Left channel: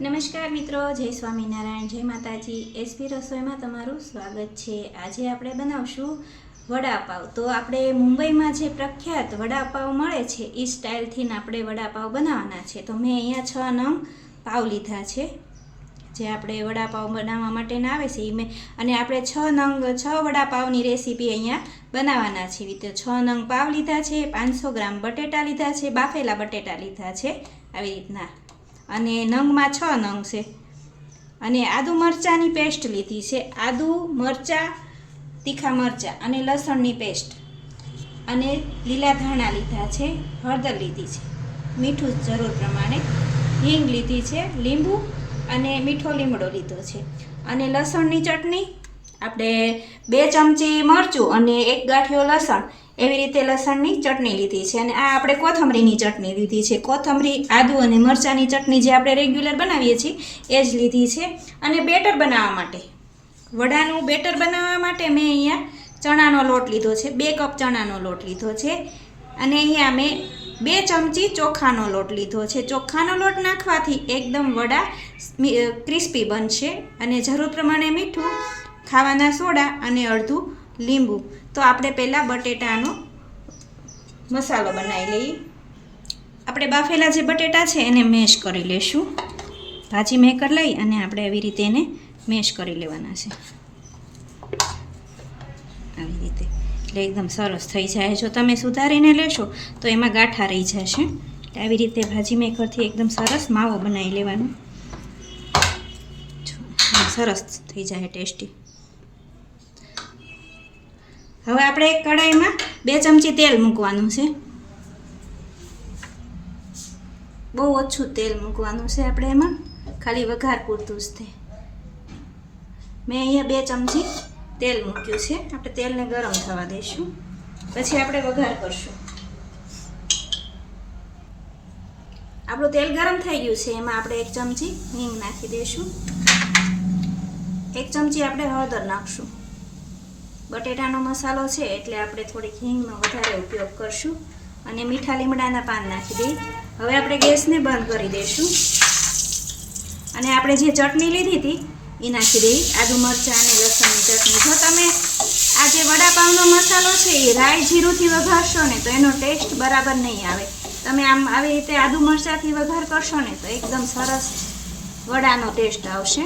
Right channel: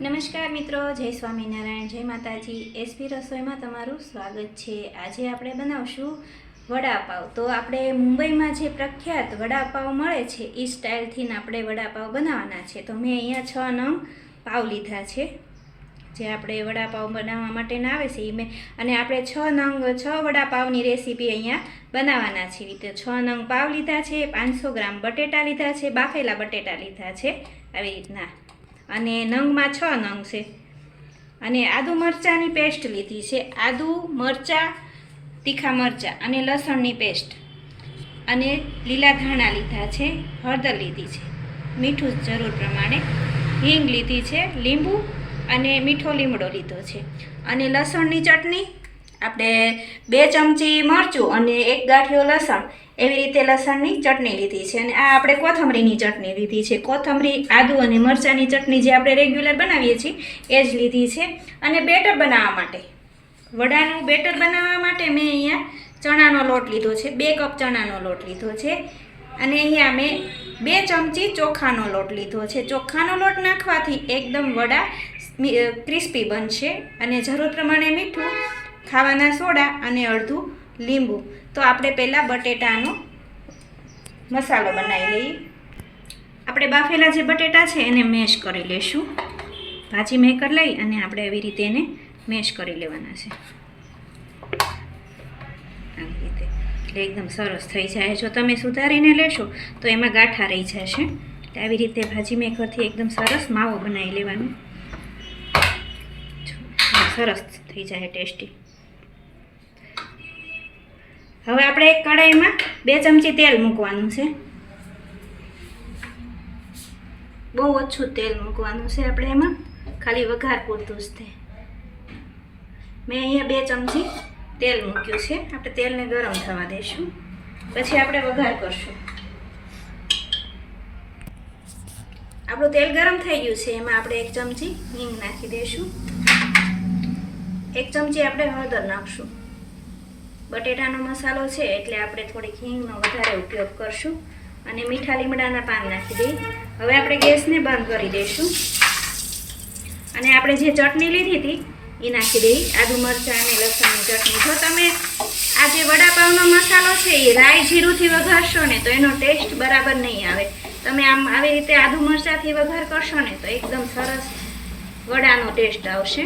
નમસ્કાર મિત્રો, જય સ્વામિનારાયણ, જય માતાજી. એસપી રસોઈમાં તમારું સ્વાગત છે. આજે આપણે બનાવશું વડાપાવ. તો આપણે મુંબઈમાં જે પ્રખ્યાત વડાપાવ મળે છે એ સ્ટાઇલથી આપણે વડાપાવ બનાવવાના છે. તો મેં અહીંયા 6 નંગ પાવ લીધા છે, જે આપણે વડાપાવ બનાવવા માટેના આવે છે એ અને આપણે 6 વડાપાવની રેસીપી અહીંયા બનાવવાના છીએ. તો 6 નંગ પાવ લીધા છે, 500 ગ્રામ બટેટા લીધા છે, બાફેલા બટેટા લીધા છે આવી રીતના, અને નંગમાં 6 નંગ છે. અને આદુ મરચાંની પેસ્ટ લીધી છે, આદુ મરચાં, તીખા મરચાં અને લસણની પેસ્ટ, અને લીલા ધાણા લીધા છે, હળદર લીધી છે, મીઠું જરૂર પ્રમાણે, હિંગ લીધી છે, લીંબુ અને મીઠો લીમડો લીધો છે, અને લસણની ચટણી આપણે 2 ચમચી મરચું અને 1 ગાંઠિયો લસણ, એવી રીતે લસણની ચટણી લીધી છે. અને આ આપણે કોથમરીની ચટણી લીધી છે. કોથમરી, આદુ અને મરચાંની ચટણી જે આપણે રેગ્યુલર બનાવીએ છીએ એ જ લીધી છે. અને બેટર બનાવવા માટે, વડાનું બેટર બનાવવા માટે મેં અહીંયા ચણાનો લોટ લીધો છે, 2 કપ ચણાનો લોટ લીધો છે. અને અહીંયા મેં 2 ચમચી ચોખાનો લોટ લીધો છે. ચોખાનો લોટ નાખવાથી એકદમ વડા ક્રિસ્પી બનશે. અને જરૂર પ્રમાણે મીઠું, ખાવાના સોડા અને અડધું લીંબુ. તો આપણે પહેલાં બટેટાનો મસાલો બનાવી લઈએ. આપણે બાફેલા જે બટેટા છે એને મેશ કરી લઈશું. ભાજી મેકર લઈ અને આપણે આવી રીતે એને મેશ કરી લેવાના છે, આવી રીતે. એટલે એકદમ સરસ થઈ જાય. જો તમે સુધારીને લેશો તો એમાં ગાંઠા રહી જશે. આવી રીતે ભાજી મેકરથી એકદમ સરસ માવો બનાવી લેવાનો, સરસ થઈ જાય, ટેસ્ટી. હવે આપણે એક કઢાઈમાં 2 ચમચી તેલ મૂકવાનું છે. બહુ ઓછું તેલ મૂકવાનું છે આપણે એમાં, ખાલી વઘાર પૂરતું જ તે. મેં અહીંયા 2 ચમચી તેલ મૂક્યું છે. આપણે તેલને ગરમ થવા દઈશું, પછી આપણે વઘાર કરશું. આપણું તેલ ગરમ થઈ ગયું છે, એમાં આપણે 1 ચમચી હિંગ નાખી દઈશું, 1 ચમચી આપણે હળદર નાખશું. બટેટાનો મસાલો છે એટલે આપણે થોડીક હિંગનો વધારે ઉપયોગ કરશું. અને મીઠા લીમડાના પાન નાખી દઈએ. હવે આપણે ગેસને બંધ કરી દઈશું. અને આપણે જે ચટણી લીધી હતી એ નાખી દઈએ, આદુ મરચાં અને લસણની ચટણી. જો તમે આ જે વડાપાવનો મસાલો છે એ રાઈ જીરુંથી વઘારશો ને તો એનો ટેસ્ટ બરાબર નહીં આવે. તમે આમ આવી રીતે આદુ મરચાંથી વઘાર કરશો ને તો એકદમ સરસ વડાનો ટેસ્ટ આવશે.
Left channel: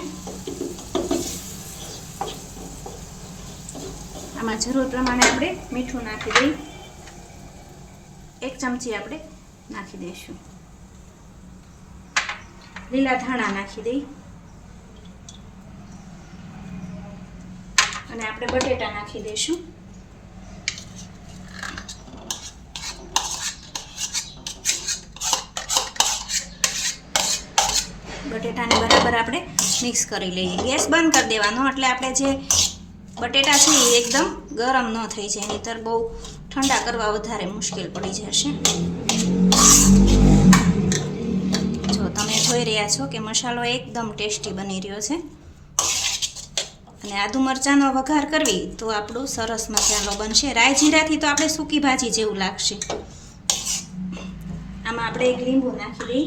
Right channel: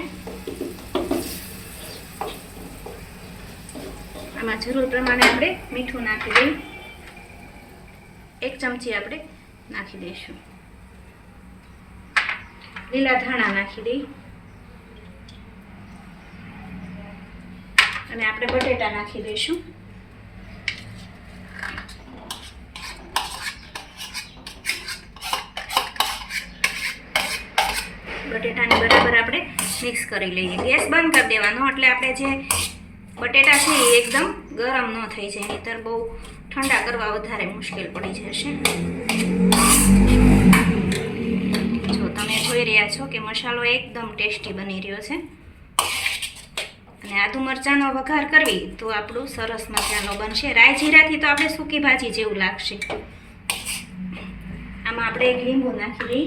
આમાં જરૂર પ્રમાણે આપણે મીઠું નાખી દઈએ, 1 ચમચી આપણે નાખી દઈશું. લીલા ધાણા નાખી દઈએ, અને આપણે બટેટા નાખી દઈશું. બટેટાને બરાબર આપણે મિક્સ કરી લઈએ. ગેસ બંધ કરી દેવાનો, એટલે આપણે જે બટેટા છે એ એકદમ ગરમ ન થઈ જાય, નહીંતર બહુ ઠંડા કરવા વધારે મુશ્કેલ પડી જશે. જો તમે જોઈ રહ્યા છો કે મસાલો એકદમ ટેસ્ટી બની રહ્યો છે. અને આદુ મરચાંનો વઘાર કરવી તો આપણું સરસ મસાલો બનશે. રાઈ જીરાથી તો આપણે સૂકી ભાજી જેવું લાગશે. આમાં આપણે 1 લીંબુ નાખી દઈએ.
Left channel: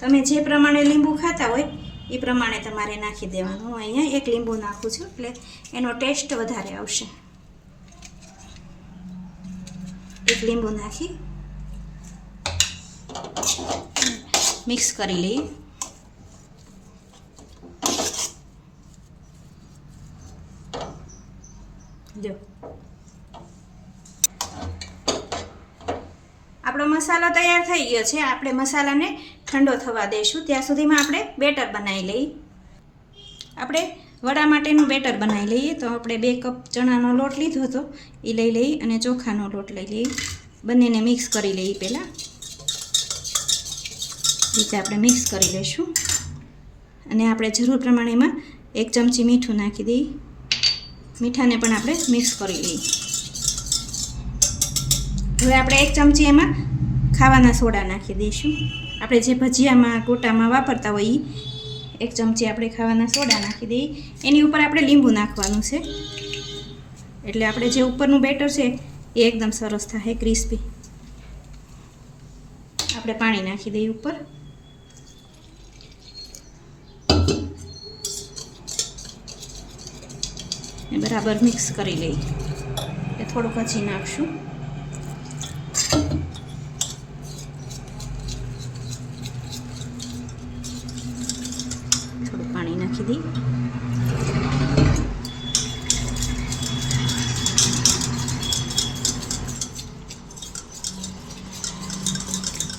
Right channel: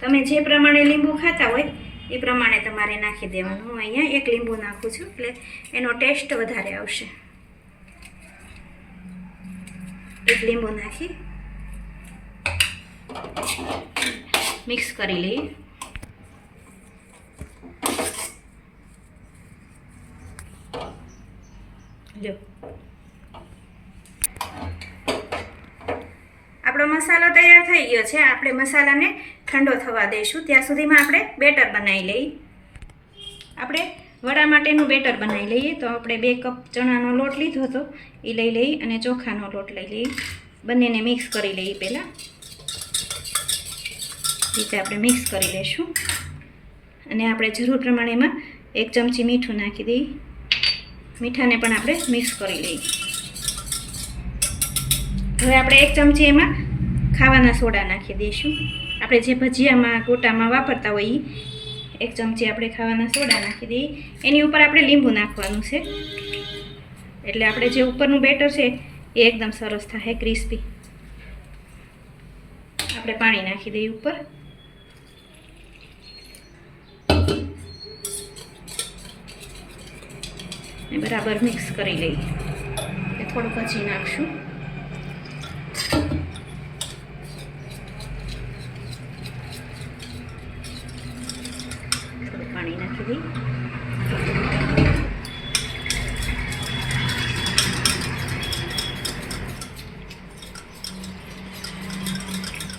તમે જે પ્રમાણે લીંબુ ખાતા હોય એ પ્રમાણે તમારે નાખી દેવાનું. હું અહીંયા 1 લીંબુ નાખું છું એટલે એનો ટેસ્ટ વધારે આવશે. 1 લીંબુ નાખી મિક્સ કરી લઈએ. જો આપણો મસાલો તૈયાર થઈ ગયો છે. આપણે મસાલાને ઠંડો થવા દઈશું. ત્યાં સુધીમાં આપણે બેટર બનાવી લઈએ. આપણે વડા માટેનું બેટર બનાવી લઈએ. તો આપણે 2 કપ ચણાનો લોટ લીધો હતો એ લઈ લઈએ, અને ચોખાનો લોટ લઈ લઈએ. બંનેને મિક્સ કરી લઈએ. પહેલાં રીતે આપણે મિક્સ કરી લઈશું. અને આપણે જરૂર પ્રમાણે એમાં 1 ચમચી મીઠું નાખી દઈએ. મીઠાને પણ આપણે મિક્સ કરી લઈએ. હવે આપણે 1 ચમચી એમાં ખાવાના સોડા નાખી દઈશું. આપણે જે ભજીયામાં ગોટામાં વાપરતા હોઈએ 1 ચમચી આપણે ખાવાના સોડા નાખી દઈએ. એની ઉપર આપણે લીંબુ નાખવાનું છે, એટલે આપણે જે ઉપરનું બેટર છે એ એકદમ સરસ થાય, ક્રિસ્પી. આપણે પાણી નાખી દઈએ ઉપર. બરાબર મિક્સ કરી લઈએ. થોડુંક હજી નાખશું. થોડું પાણી નાખી દઈએ.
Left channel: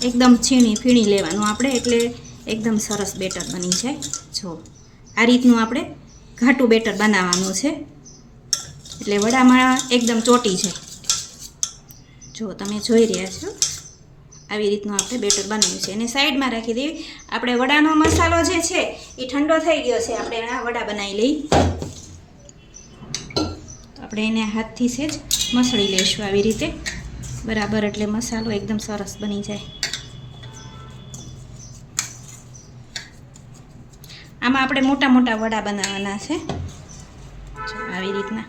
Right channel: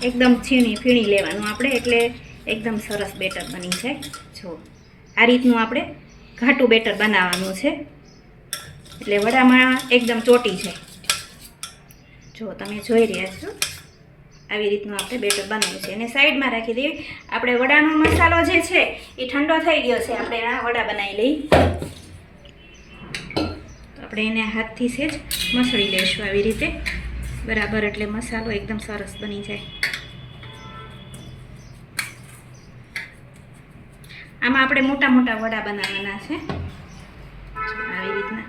એકદમ ફીણી લેવાનું આપણે, એટલે એકદમ સરસ બેટર બની જાય. જો આ રીતનું આપણે ઘાટું બેટર બનાવવાનું છે, એટલે વડામાં એકદમ ચોટી જાય. જો તમે જોઈ રહ્યા છો, આવી રીતનું આપણે બેટર બનાવ્યું છે. એને સાઈડમાં રાખી દઈએ. આપણે વડાનો મસાલો જે છે એ ઠંડો થઈ ગયો છે. આપણે આ વડા બનાવી લઈએ. તો આપણે એને હાથથી સેજ મસળી લઈશું આવી રીતે બરાબર, એટલે મસાલો એકદમ સરસ બની જાય. આમાં આપણે મોટા મોટા વડા બનાવવાના છે. આવી રીતના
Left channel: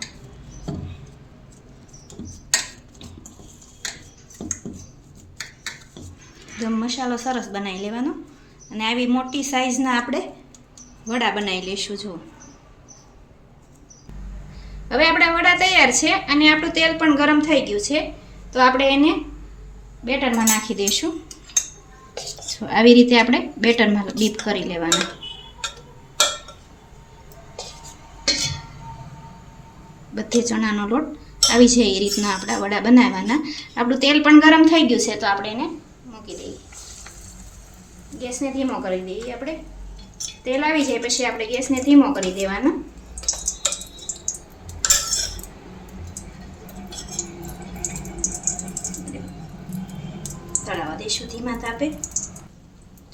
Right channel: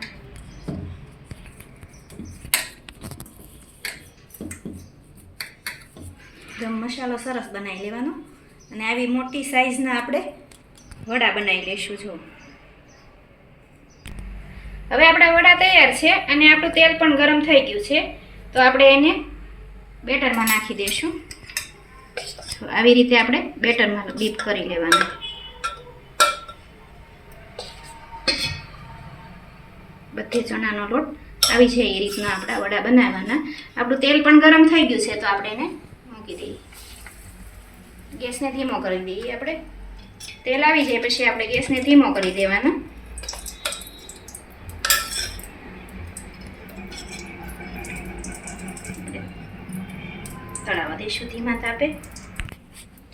એકદમ મસાલો સરસ બનાવી લેવાનો, અને આવી મોટી સાઈઝના આપણે વડા બનાવી લઈશું. જો હવે આપણા વડા તૈયાર છે, અને આપણું તેલ પણ ગરમ થઈ ગયું છે. તો આપણે એને બેટરમાં નાખી દઈશું. આવી રીતે આપણે બેટરમાં ડીપ કરી લેવાનું. બધી ચણાનો લોટ આવી જાય એ રીતના આપણા વડા બનાવવાના. આપણું તેલ પણ ગરમ થઈ ગયું છે, તો આપણે એને મૂકી દઈએ. ગેસને ધીમો કરી દઈએ. આપણે તેલ આવી જાય પછી આપણે ગેસને ધીમો કરી દેવાનો. તળાવવા દઈશું ધીમા તાપે.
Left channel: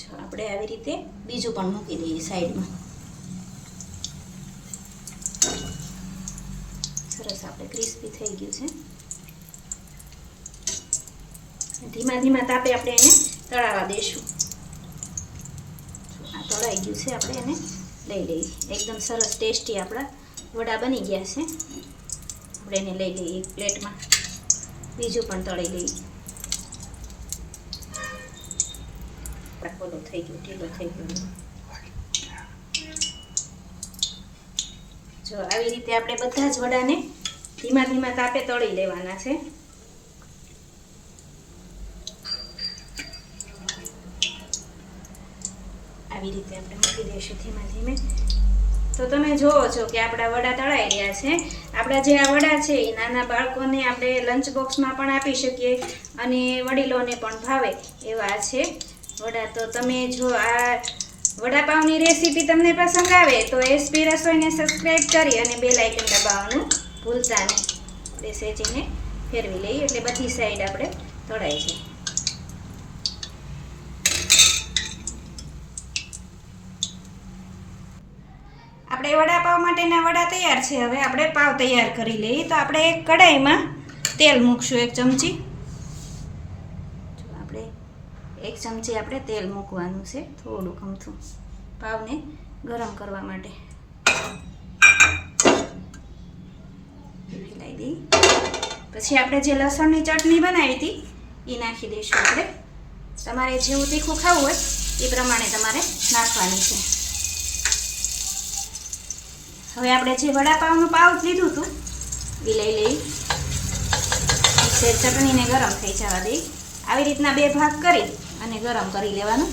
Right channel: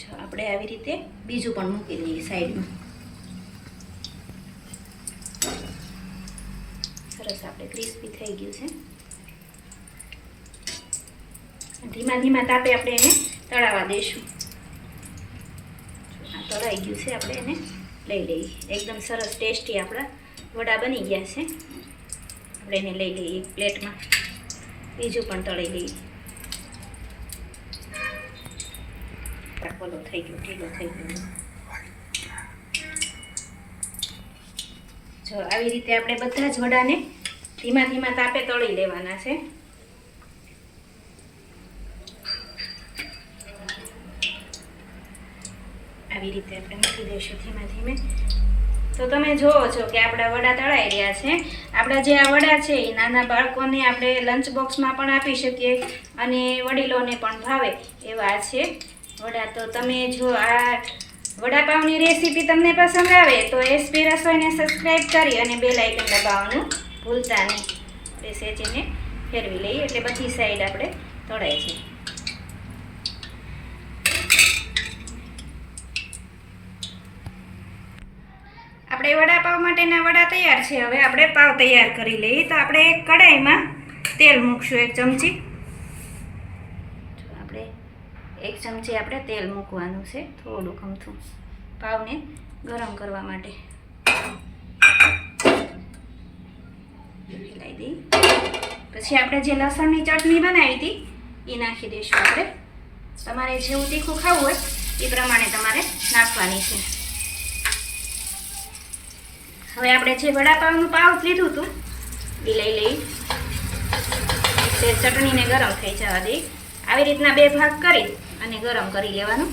જો આપણે આવી રીતે બીજું પણ મૂકી દઈએ સાઈડમાં. સરસ આપણે ક્રિસ્પી થઈ ગયું છે. ધીમા ધીમા તાપે આપણે એને તળાવવા દઈશું. આ તળાઈ ગયું છે, આપણે એને લઈ લઈએ. એકદમ સરસ ટેસ્ટી આપણા વડા બની ગયા છે. આપણે એને લઈ લઈએ એક પ્લેટમાં. બીજું પણ તળી લઈએ. થઈ ગયું, ઢીલો થઈ ગયો. જો આવી રીતે આપણે બધા જ વડાને ધીમા ધીમા તાપે તળી લેવાના છે. આવી રીતે આપણે મૂકી દઈશું ધીમા ધીમે. તો તમે જુઓ છો કે આપણા વડા તળાઈ રહ્યા છે. આપણા જે આ વડા છે એ નાના બાળકોને આપણે લંચ બોક્સમાં પણ આપી શકીએ, અને વડીલોને પણ ભાવે એવા છે વડા. તો તમે જો આ વડાપાવની રેસીપી તમને પસંદ આવે તો એસપી રસોઈને સબસ્ક્રાઈબ કરી અને બેલ આઇકન દબાવવાનું ભૂલતા નહીં. આપણે સેજીને ફેરવી લઈએ એટલે બધી સાઈડ આપણે તળાઈ છે. આપણે વડાપાવ માટેના વડા તૈયાર છે. હવે આપણે પાવ તૈયાર કરી લઈએ. તો આપણે એક કઢાઈમાં તેલ મૂકશું 1 ચમચી. એક ચમચી આપણે તેલ મૂકવાનું છે, થોડુંક અમથું પાવને ગરમ કરવા માટે. મિલાઈ દઈ. પછી આપણે જે લસણની ચટણી બનાવી હતી એ નાખી દઈશું. આપણે તમારે જેવું તીખું ખાવું હોય એ પ્રમાણે તમારે નાખવાની છે. હવે આપણે જે વડાપાવનું પાવ લીધું હતું એ લઈ લઈ. ચટણીને ગરમ થઈ જવા દઈ. આવી રીતના 2 ભાગ કરી અને ગરમ કરી લેવાનું.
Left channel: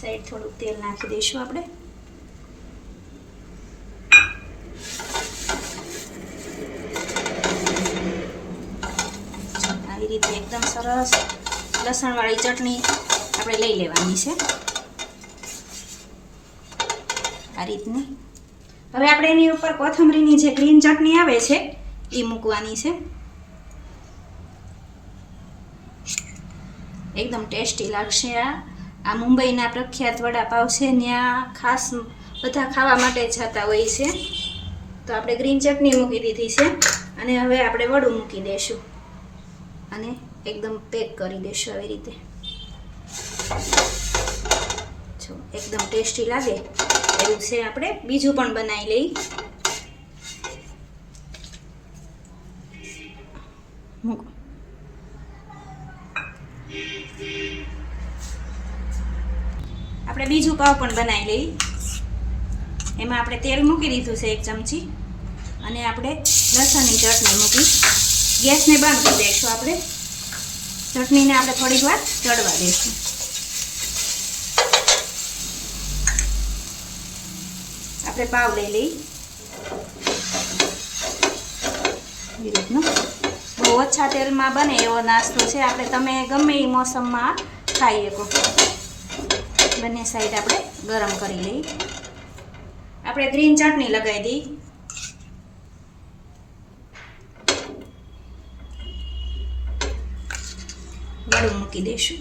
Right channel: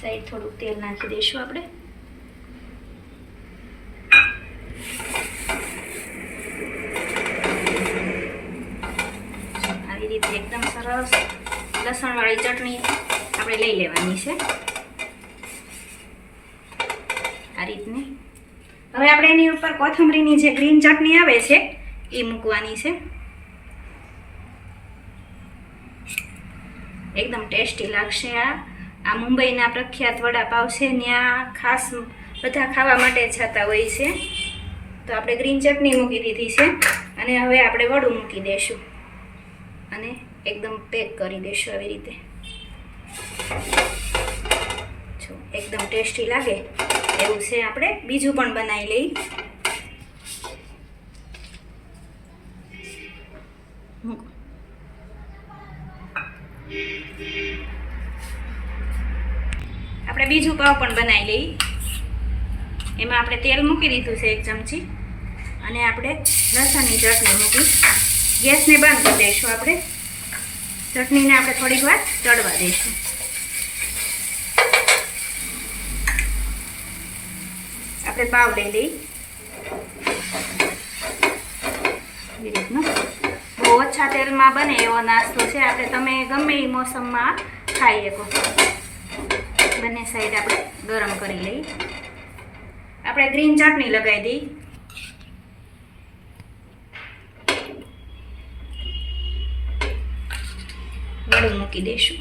સાઈડ થોડુંક તેલ નાખી દઈશું આપણે. આવી રીતે એકદમ સરસ લસણવાળી ચટણી આપણે લઈ લેવાની છે આ રીતની. હવે આપણે એની ઉપર કોથમરીની જે ગ્રીન ચટણી આવે છે એ મૂકવાની છે. એકદમ ટેસ્ટી લાગશે. આ મુંબઈના પ્રખ્યાત વડાપાવ છે, ત્યાં ખાસ બધા ખાવા માટે જતા હોય છે. તો આપણે ગ્રીન ચટણી મૂકી દીધી છે, અને હવે આપણે વડું મૂકી દઈશું અને એકદમ પેક કરી દઈશું આવી રીતે. જો એકદમ ટેસ્ટી લાગે એવું છે. આપણે બીજું પણ બનાવી લઈએ. મૂકો. આપણે બીજું પાવ પણ બનાવી લઈએ. એમાં આપણે તેલ મૂકી દીધું છે 1 ચમચી અને આપણે લસણની ચટણી મૂકી ગેસને બંધ કરી દઈશું. આપણે ચટણીને આપણે થોડીક વાર ચડવા દઈશું. આપણે પાવ લઈ લઈ બહુ ઓછા તેલમાં બને એવો નાસ્તો છે. આપણે તમે ગમે એ મોસમમાં ખાઈ શકો. બંને સાઈડ આપણે ગરમ કરી લઈ. આપણે ગ્રીન ચટણી લગાવી દઈ. વડું મૂકી દઈશું.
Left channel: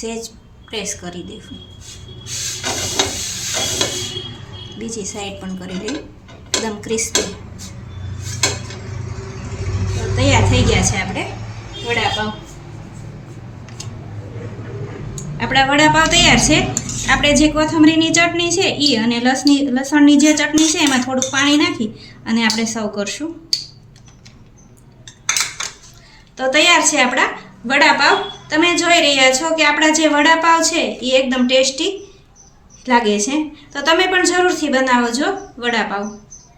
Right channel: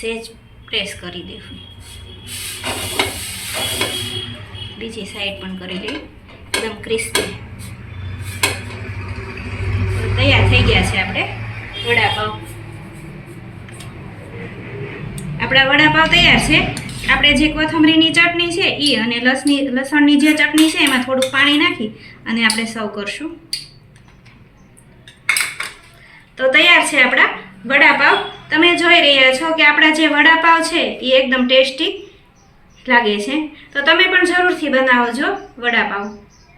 સહેજ પ્રેસ કરી દઈશું. બીજી સાઈડ પણ કરી લઈ એકદમ ક્રિસ્પી. તૈયાર થઈ ગયા છે આપણે વડાપાવ. આપણા વડાપાવ તૈયાર છે. આપણે જે કોથમરીની ચટણી છે એ અને લસણની જે ચટણી છે એમાં થોડુંક પાણી નાખી અને આપણે સર્વ કરશું. તો તૈયાર છે આપણા વડાપાવ. તમે જોઈ રહ્યા છો કે આપણા જે વડાપાવ છે એ એકદમ ટેસ્ટી લાગે છે. તો તમે પણ જરૂરથી બનાવજો વડાપાવ.